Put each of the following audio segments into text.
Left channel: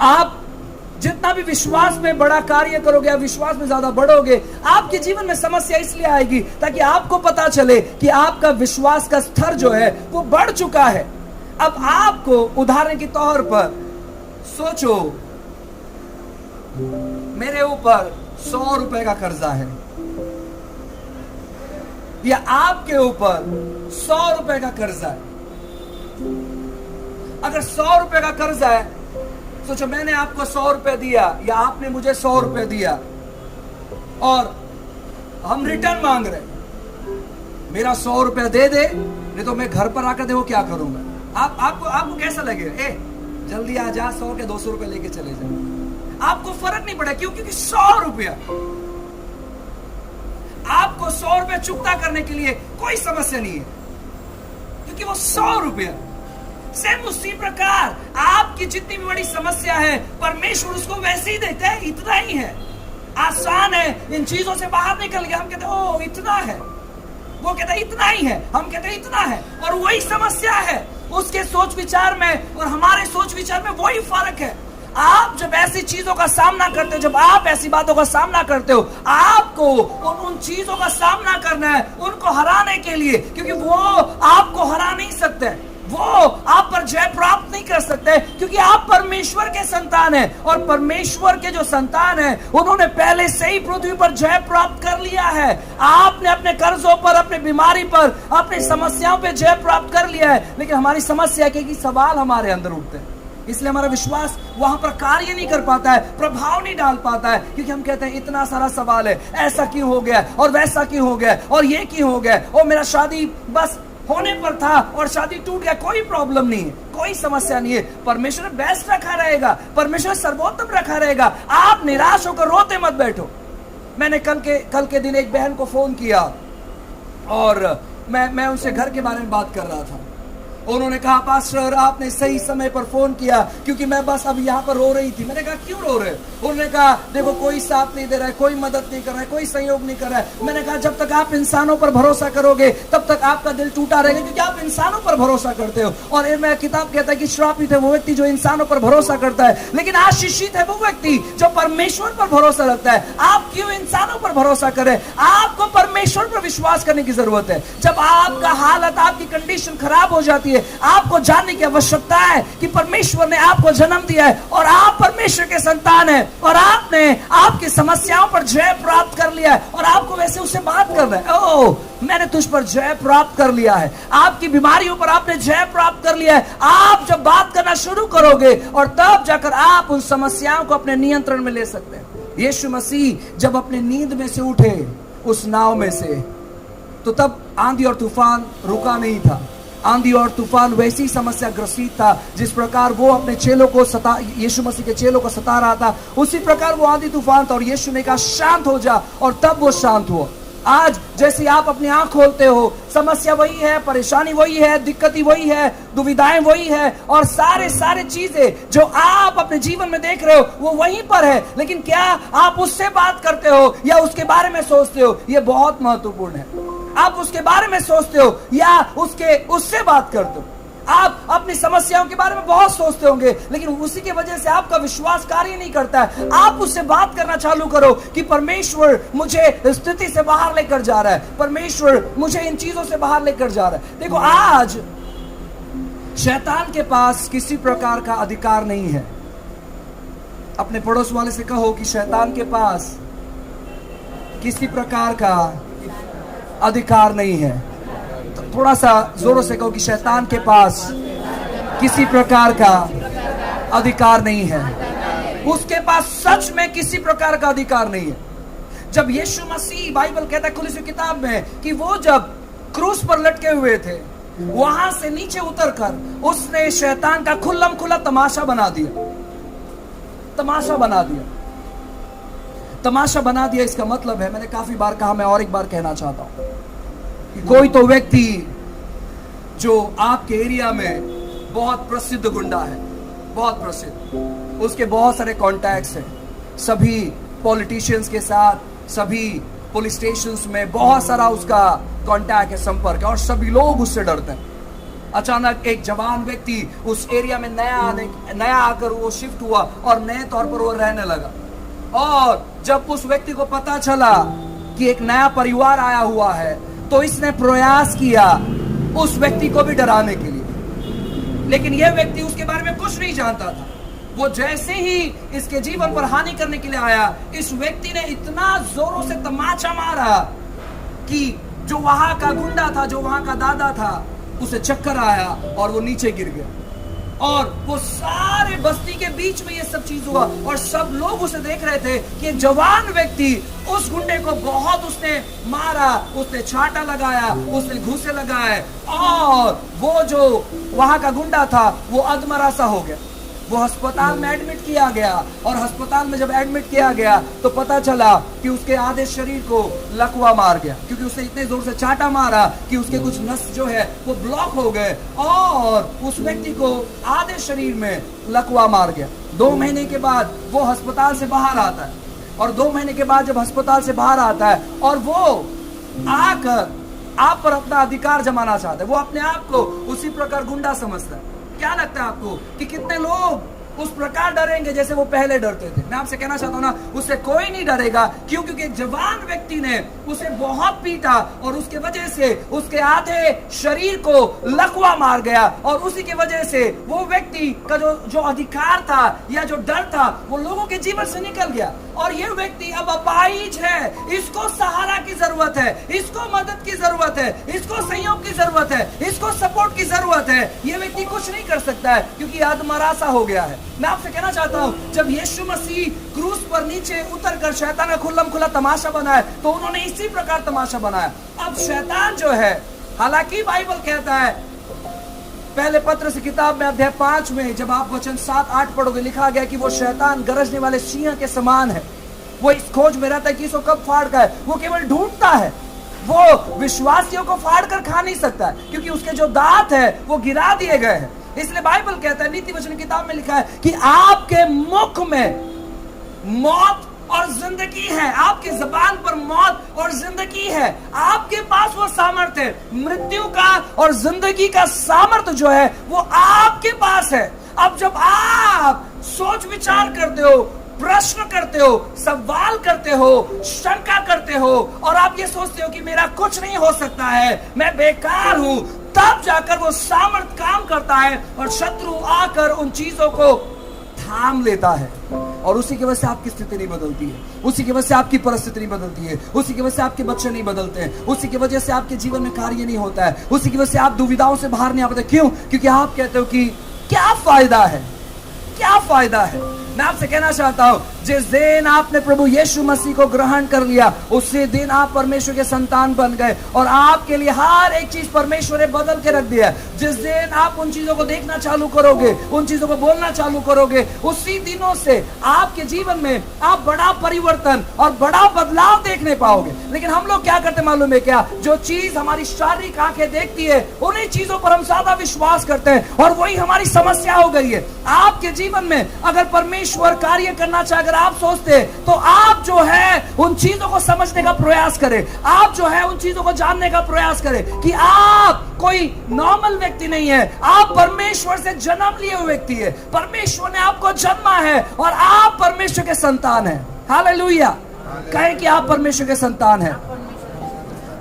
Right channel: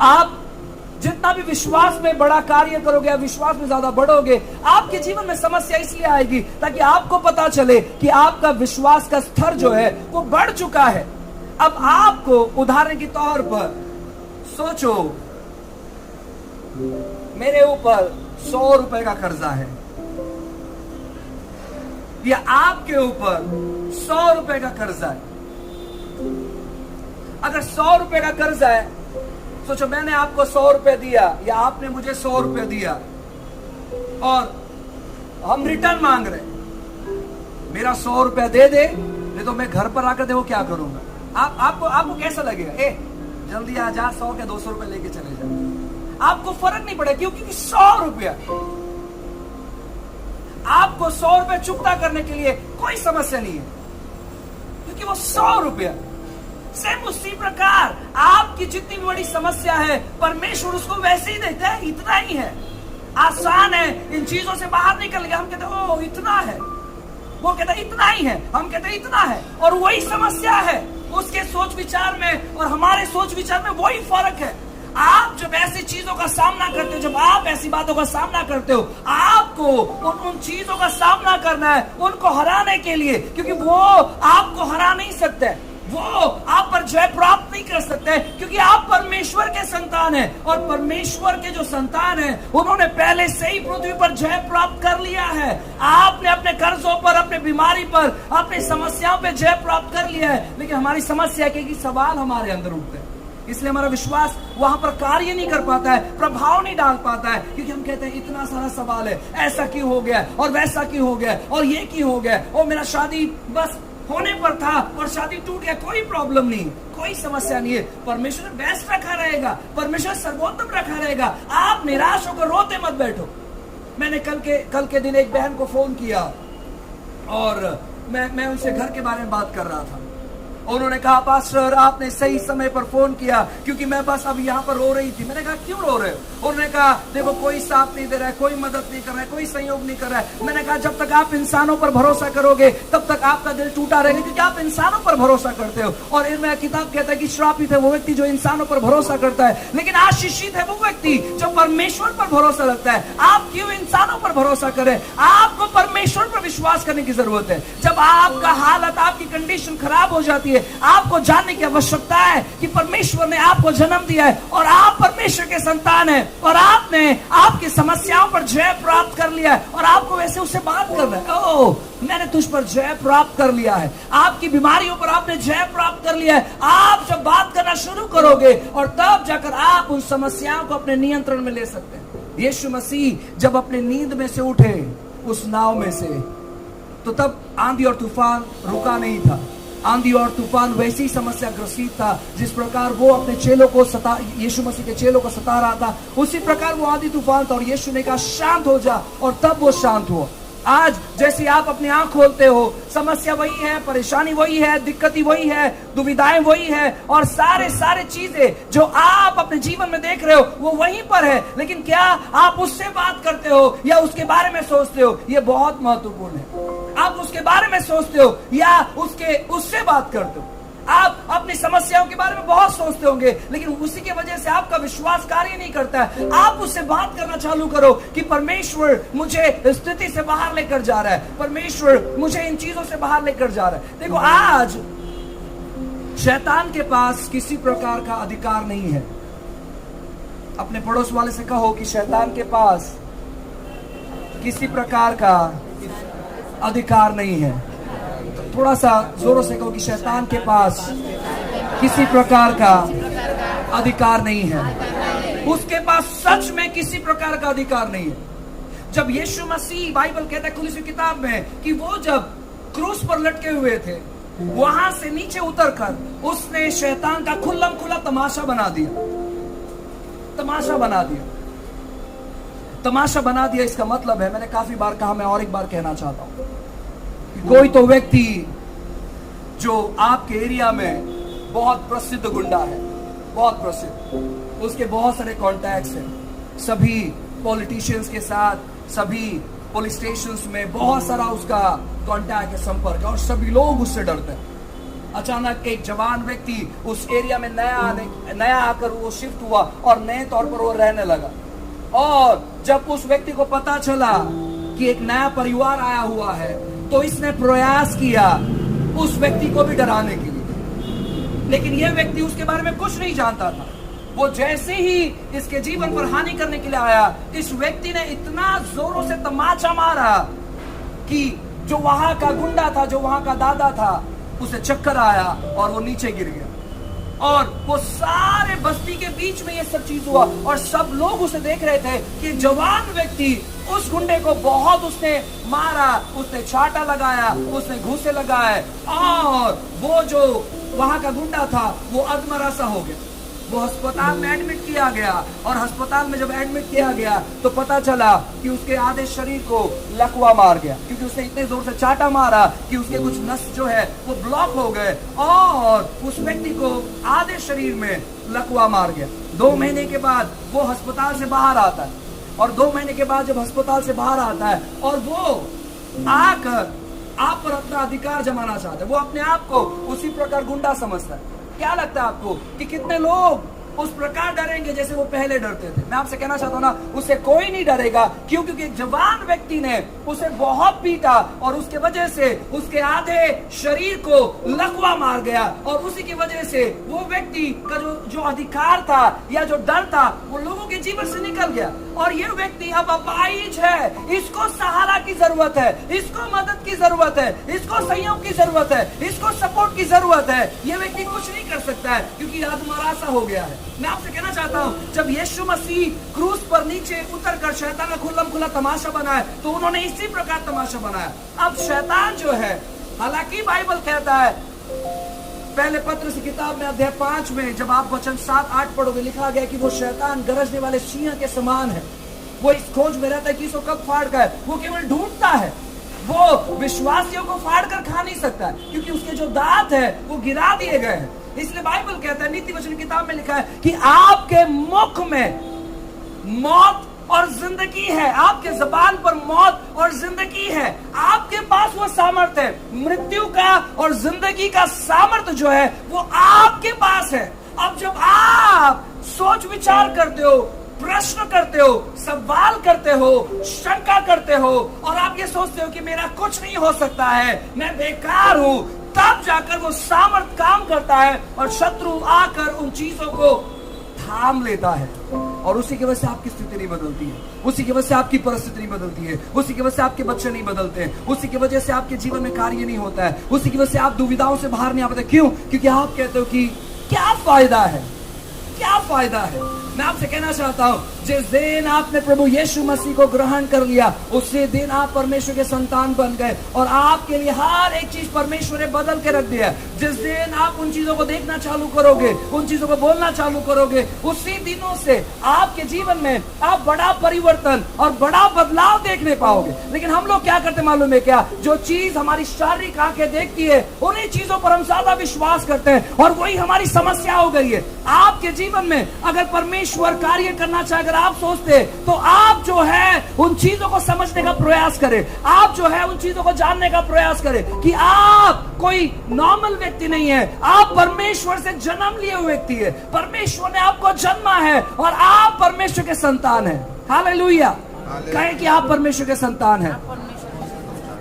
आप जितना भी विश्वास में बड़ा कार्य करोगे, आप विश्वास में ज्यादा बढ़ोगे, आपके जीवन में समस्या इसलिए आएगी ताकि आपको पता चले कि आपका विश्वास का स्तर जो है वो बढ़ चुका है। अब आपको उदाहरण के तौर पर सोचो, मेरे ऊपर 100 रुपए का कर्जा है, या आपके ऊपर 100 रुपए का कर्जा है। अगर 100 रुपए का कर्जा है, सोचो मैंने आपको 100 रुपए दिया या आपने मुझे 100 रुपए दिया और हम रिटर्न मांग रहे, मेरा 100 रुपया दे दे, नहीं तो मैं घर पर आकर देखो क्या करूंगा। आपको कैसा लगेगा? जल्दी आ जा, 100 के 200 रुपए लेके चले जाओ। आपको फर्क नहीं पड़ेगा, क्योंकि 100 रुपया, आपको 100 रुपया चुकता करने के लिए कोई समस्या नहीं है, क्योंकि वो 100 रुपया। सेम उसी प्रकार आपकी जितनी भी बड़ी समस्या है, परमेश्वर उसको वैसे ही देता है, इतना ही है। आसान है इन चीजों से बाहर निकल गया, हम कहते हैं ओ इतना है, वो कहता है इतना ही है, हम कहते हैं इतना है, और वही समस्या है उसके सोच विचार में और हमारे सोच विचार में, वही फर्क है। आप जब ऐसी चीजों का सामना करते हो, जब आप ऐसी बातों का सामना करते हो, आपको उन चीजों का सामना करना है उनको हराने के लिए, क्योंकि वो आपको हरा नहीं सकते, वो आप पर जय प्राप्त नहीं कर सकते, क्योंकि आप परमेश्वर के संतान हैं, और परमेश्वर के जो संतान हैं उन्होंने पहले से ही पृथ्वी पर जय प्राप्त कर लिया है। आपने अपने कर्जों पर, अपने बीमारी पर, अपनी समस्याओं पर जय प्राप्त कर लिया है, लेकिन हमारी समस्या के सवाल हमारे अंदर उठते हैं, इसलिए हमारा विश्वास वहां पर कार्य नहीं कर पाता है, प्रभाव नहीं डाल पाता है, क्योंकि हम कहते हैं इतना सारा सवाल है, ऐसा क्यों हो गया और वैसा क्यों हो गया और ये क्यों हो गया, और मेरा शादी बस होने पर था और शादी टूट गया, कोई प्रॉब्लम नहीं है, कोई समस्या नहीं है। परमेश्वर बेस्ट रखा रहेगा, परमेश्वर सर्वोत्तम रखा रहेगा। आप निराश होकर रोते मत बैठो। मैंने कल के दिन एक बहन को फोन किया और मैं उनसे घर के बारे में बात कर रहा था। उन्होंने कहा पास्टर आपने सही समय पर फोन किया, क्योंकि मैं बस अब यहाँ पर रो रही थी। मैंने कहा क्यों रो रहे हो? उन्होंने कहा देखो कोई साथ नहीं दे रहा है, कोई मदद नहीं कर रहा है, कोई सहयोग नहीं कर रहा है। मैंने कहा जब तक आप इंसानों पर भरोसा करोगे तब तक आपका दिल टूटा रहेगा, क्योंकि आप इंसानों पर भरोसा करते हो। और ये मेरा किताब कहता है कि श्रापित है वो व्यक्ति जो इंसानों पर भरोसा करता है, लेकिन आशीषित है वो व्यक्ति जो परमेश्वर पर भरोसा रखता है। आप क्यों इंसानों पर भरोसा करें? आपको परमेश्वर पर विश्वास करने की जरूरत है। जब आपका हालत, आपकी कंडीशन खराब हो जाती है, आपको जानने की आवश्यकता है कि परमेश्वर ने आपको जन्म दिया है और आप परमेश्वर के संतान हैं, और आपने आपकी समस्याओं पर जय प्राप्त कर लिया है, और आपको वैसे उससे बात कर रहे हैं, ओह मैंने तुझ पर जय प्राप्त कर लिया है। आपकी बीमारियों पर आपने जय प्राप्त कर लिया है। आप जब बात करना शुरू करोगे और तब जाकर आप उन समस्याओं को अपने नियंत्रण में ले सकते हैं। यीशु मसीह जब अपनी नींद में से उठे उस नाव में से, तो तब आंधी और तूफान रुका नहीं था। आंधी और तूफान वैसी समस्या ग्रसित था जिस प्रकार वो अपने चेलों को यीशु मसीह के चेलों को सता रहा था, उसी प्रकार वो आंधी तूफान था, और यीशु ने कहा शांत हो जा, और तब वो शांत हुआ। आज जैसे आप अपनी आंख खोलते हो, समस्या वही है, परेशानी वही है, दिक्कतें वही है, दुविधाएं वही है, और सारे चीजें जो आप अपने जीवन में देख रहे हो वो वहीं पर है, लेकिन क्या आप उससे बात करते हो या उसके बारे में सोचते हो? ये बहुत महत्वपूर्ण है। आप उसके बारे में सोचते हो या उससे बात करते हो? आप अपनी समस्याओं के बारे में बहुत सोचते होंगे, लेकिन उसी की वजह से आपका विश्वास कार्य नहीं करता है। आप उससे बात करना चालू करो कि परमेश्वर मुझे स्थिति से बाहर लेकर जा रहा है, परमेश्वर मुझे इन चीजों से बाहर लेकर जा रहा है। देखो आज शैतान के पास किसी प्रकार का अधिकार नहीं है। अपने पड़ोस वाले से कहो कि शैतान के पास किसी प्रकार का अधिकार नहीं है। थोड़ा सा जोरों से कहो कि शैतान के पास किसी प्रकार का अधिकार नहीं है। उसके पास सच में किसी प्रकार का अधिकार नहीं है। जब यीशु मसीह, बाइबल कहता है कुलुस्सी किताब में, कि वो जब क्रूस पर लटके हुए थे, वहां से नीचे उतरकर उसने शैतान का खुल्लम खुल्ला तमाशा बना दिया। तमाशा बना दिया, तमाशा बना दिया। इसका मतलब है, मैंने काफी बार कहा, मैं और एक बार कहना चाहता हूं, कोई तो व्यक्ति जो आपके एरिया में बहुत प्रसिद्ध गुंडा है, बहुत प्रसिद्ध, उसके बहुत सारे कॉन्टैक्ट्स हैं, सभी पॉलिटिशियंस के साथ, सभी पुलिस स्टेशंस में बहुत सारा उसका कॉन्टैक्ट है, संपर्क है, और सभी लोग उससे डरते हैं। अचानक एक जवान व्यक्ति उस एरिया में नया आकर वो शिफ्ट हुआ और नए तौर पर वो रहने लगा। और जब उस व्यक्ति को पता चला कि एक नया परिवार आया हुआ है, तो इसने प्रयास किया उस व्यक्ति को भी डराने के लिए, लेकिन यह व्यक्ति उसके बारे में कुछ नहीं जानता था। वो जैसे ही इसके जीवन पर हानि करने के लिए आया, इस व्यक्ति ने इतना जोरों से तमाचा मारा कि जो वहां का गुंडा था, जो वहां का दादा था, उसे चक्कर आया और वो नीचे गिर गया। और वो सारे बस्ती के बीच में ये सब चीज हुआ और सब लोग उसे देख रहे थे कि जवान व्यक्ति उस गुंडे को बहुत उसने मारा, उसने छाटा लगाया, उसने घूंसे लगाए, और वो जो वहां का गुंडा था वो अधमरा सा हो गया। वो अस्पताल में एडमिट किया गया, और अस्पताल में जब एडमिट किया गया तो पता चला कि उसके आधे शरीर को लकवा मार गया, क्योंकि उसने इतने जोर से चाटा मारा कि उसके कुछ नस जो है वो ब्लॉक हो गए, और उस व्यक्ति को आधे शरीर में लकवा मार गया। 2 महीने के बाद वो अस्पताल से बाहर आता है, और 2 महीने के बाद जब अस्पताल से बाहर आता है और वो आकर आप पर अपना अधिकार जमाना चाहता है, वो अपने आप को उसी प्रकार गुंडा समझता है। क्या लगता है आपको कि कितने लोग उस प्रकार डरेंगे जैसे वो पहले डरते थे? मैं आपसे कहना चाहता हूँ ना, उससे कोई नहीं डरेगा। क्यों? क्योंकि एक जवान व्यक्ति ने उसे बहुत पीटा और उसके वजह से उसके आधे शरीर को लकवा मार गया, और उसी की वजह से वो व्यक्ति का जो अधिकार था या जो डर था वो लोगों के जीवन से निकल गया। और ये व्यक्ति अब अपाहिज है, इसको सहारा की जरूरत है, इसको मदद की जरूरत है, इसको सहयोग की जरूरत है, इसको सपोर्ट की जरूरत है। ये व्यक्ति कुछ नहीं कर सकता है क्योंकि अधमरा सा हो गया है। मैं आपसे कहना चाहता हूँ, जब यीशु मसीह क्रूस पर नीचे उतर कर शैतान का खुल्लम खुला तमाशा बनाया, तो उन्होंने इसी प्रकार तमाशा बनाया। अब शैतान जो है, हालांकि बाइबल कहता है, पहले पत्र से किताब में अध्याय 5 में जब आप वचन 7-8 पढ़ोगे, लिखा गया कि वो शैतान गरजने वाले सिंह के समान है। वो इस खोज में रहता है कि इसको कब फाड़ का है, वो केवल ढूंढता है। वो विश्वासियों को फाड़ कर खा नहीं सकता है, क्योंकि उसके जो दांत है वो गिरा दिए गए हैं। इसलिए बाइबल कहता है, नीति वचन किताब में लिखा है कि आपके मुख में मौत और जिंदगी है, आपके जबान पर मौत और जिंदगी है। आपके पास वो सामर्थ्य है, मृत्यु का और जिंदगी का सामर्थ्य जो है वो आपके पास है। अब जब आप सोच विचार करते हो, प्रश्न करते हो, सवाल करते हो, शंका करते हो, और आप ये सोचते हो कि मेरा कुछ नहीं हो सकता है, मैं बेकार हूं, तब जाकर वो सामर्थ काम करता है और शत्रु आकर उन चीजों को थाम लेता है, और उसी की वजह से आपकी स्थिति नहीं बदलती है, उसी की वजह से आपकी परिस्थिति नहीं बदलती है, उसी की वजह से आपके बच्चे नहीं बदलते हैं, उसी की वजह से आपके जीवन में कार्य नहीं होता है, उसी की वजह से आप दुविधाओं से बाहर नहीं आ पाते। क्यों? क्योंकि आप कहते हो कि क्या फायदा है, क्या फायदा है। मैं आपसे कहना चाहता हूं, जिस दिन आपने प्रभु यीशु मसीह को ग्रहण कर लिया, उसी दिन आप परमेश्वर के संतान बन गए, और आपके लिए हर एक चीज परमेश्वर ने बदल के रख दिया। जिस दिन आप उन चीजों को देखना चालू करोगे, उन चीजों को बोलना चालू करोगे, उसी दिनों से आपके जीवन में आप बड़ा परिवर्तन और बड़ा बदलाव देखने पाओगे। लेकिन हम लोग क्या करते मालूम है क्या? जो चीज हमारी शारीरिक आंखें देखती है, उन्हीं चीजों पर हम ज्यादा विश्वास करते हैं, और वही हमारी समस्या हो गई है। आपके जीवन में अगर परमेश्वर कार्य करना चाहे, अगर आप सोचते तो आप जो है उन चीजों को समझने का प्रयास करें, आप जो है उन चीजों को जानने का प्रयास करें कि आप कोई नॉर्मल व्यक्ति नहीं है, आप परमेश्वर से जन्म लिए हुए व्यक्ति है। परमेश्वर ने आपको जन्मा है और आप परमेश्वर के संतान हैं। हालेलुया। कहे कि आप परमेश्वर के संतान हैं।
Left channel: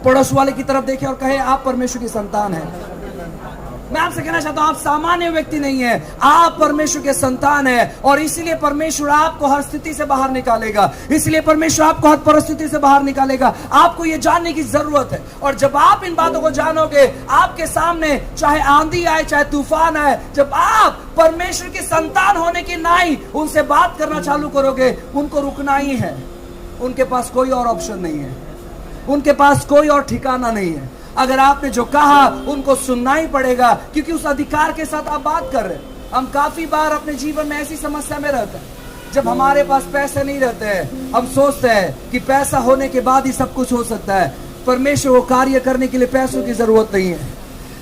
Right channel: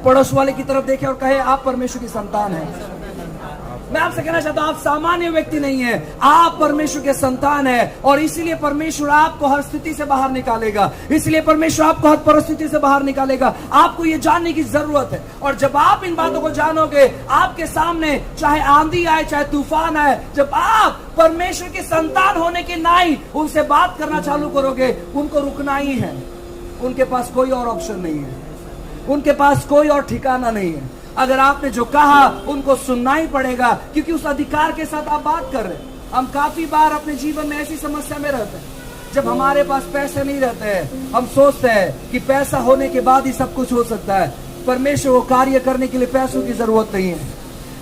पड़ोस वाले की तरफ देखें और कहे आप परमेश्वर के संतान हैं। मैं आपसे कहना चाहता हूं, आप सामान्य व्यक्ति नहीं है, आप परमेश्वर के संतान हैं, और इसीलिए परमेश्वर आपको हर स्थिति से बाहर निकालेगा, इसलिए परमेश्वर आपको हर परिस्थिति से बाहर निकालेगा। आपको ये जानने की जरूरत है, और जब आप इन बातों को जानोगे, आपके सामने चाहे आंधी आए, चाहे तूफान आए, जब आप परमेश्वर के संतान होने की नाई उनसे बात करना चालू करोगे, उनको रुकना ही है। उनके पास कोई और ऑप्शन नहीं है, उनके पास कोई और ठिकाना नहीं है। अगर आपने जो कहा उनको सुनना ही पड़ेगा, क्योंकि उस अधिकार के साथ आप बात कर रहे हैं। हम काफी बार अपने जीवन में ऐसी समस्या में रहते हैं, जब हमारे पास पैसे नहीं रहते हैं, हम सोचते हैं कि पैसा होने के बाद ही सब कुछ हो सकता है। परमेश्वर को कार्य करने के लिए पैसों की जरूरत नहीं है,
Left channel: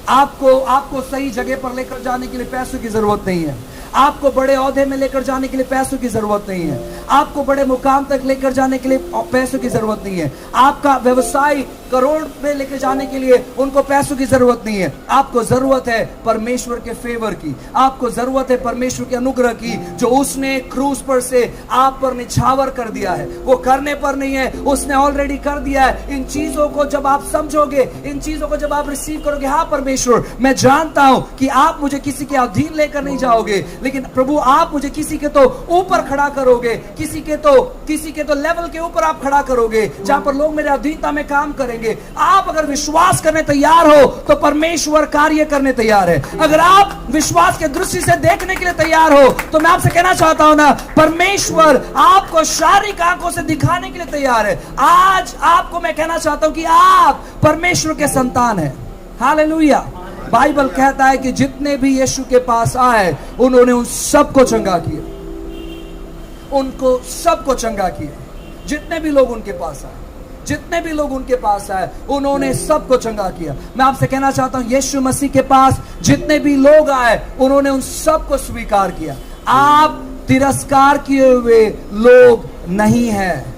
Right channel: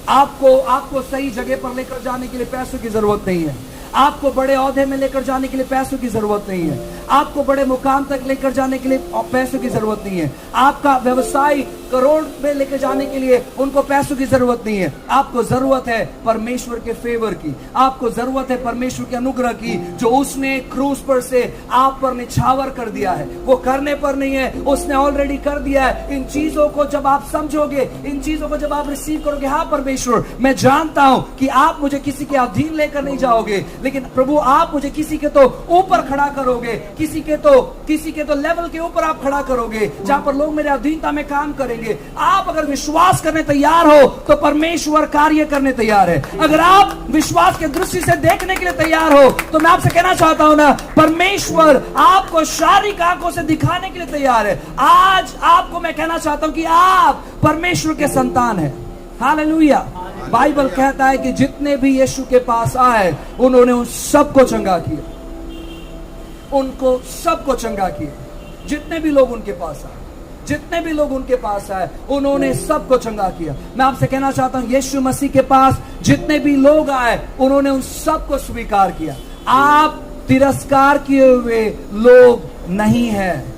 आपको सही जगह पर लेकर जाने के लिए पैसों की जरूरत नहीं है, आपको बड़े ओहदे में लेकर जाने के लिए पैसों की जरूरत नहीं है, आपको बड़े मुकाम तक लेकर जाने के लिए पैसों की जरूरत नहीं है, आपका व्यवसाय करोड़ में लेकर जाने के लिए उनको पैसों की जरूरत नहीं है। आपको जरूरत है परमेश्वर के फेवर की, आपको जरूरत है परमेश्वर के अनुग्रह की, जो उसने क्रूस पर से आप पर निछावर कर दिया है। वो करने पर नहीं है, उसने ऑलरेडी कर दिया है। इन चीजों को जब आप समझोगे, इन चीजों को जब आप रिसीव करोगे, हाँ परमेश्वर मैं जानता हूं कि आप मुझे किसी के अधीन लेकर नहीं जाओगे, लेकिन प्रभु आप मुझे किसी के तो ऊपर खड़ा करोगे, किसी के तो लेवल के ऊपर आप खड़ा करोगे, जहां पर लोग मेरे अधीनता में काम करेंगे। आप अगर विश्वास करने तैयार हो तो परमेश्वर कार्य करने तैयार है। अगर आप विश्वास के दृष्टि से देखने के लिए तैयार हो तो मैं आपसे कहना चाहता हूं ना, परमेश्वर आपको शारीरिक आंखों से दिखाने के लिए तैयार है। आज आपको मैं कहना चाहता हूं कि आप परमेश्वर के संतान हैं। हालेलुया। बाइबल कहता है कि जितने भी यीशु के पास आए उन्होंने उन सबको चंगा किया, उनको सबको चंगा किया। जितने भी लोग उनके पास आए, जितने भी लोग उनके पास आए उन्होंने सबको चंगा किया। मैं आपसे कहना चाहता हूं यीशु मसीह के पास जितने भी लोग आए उन्होंने उन सबको स्वीकार किया। आप तिरस्कार किए हुए लोग नहीं हैं।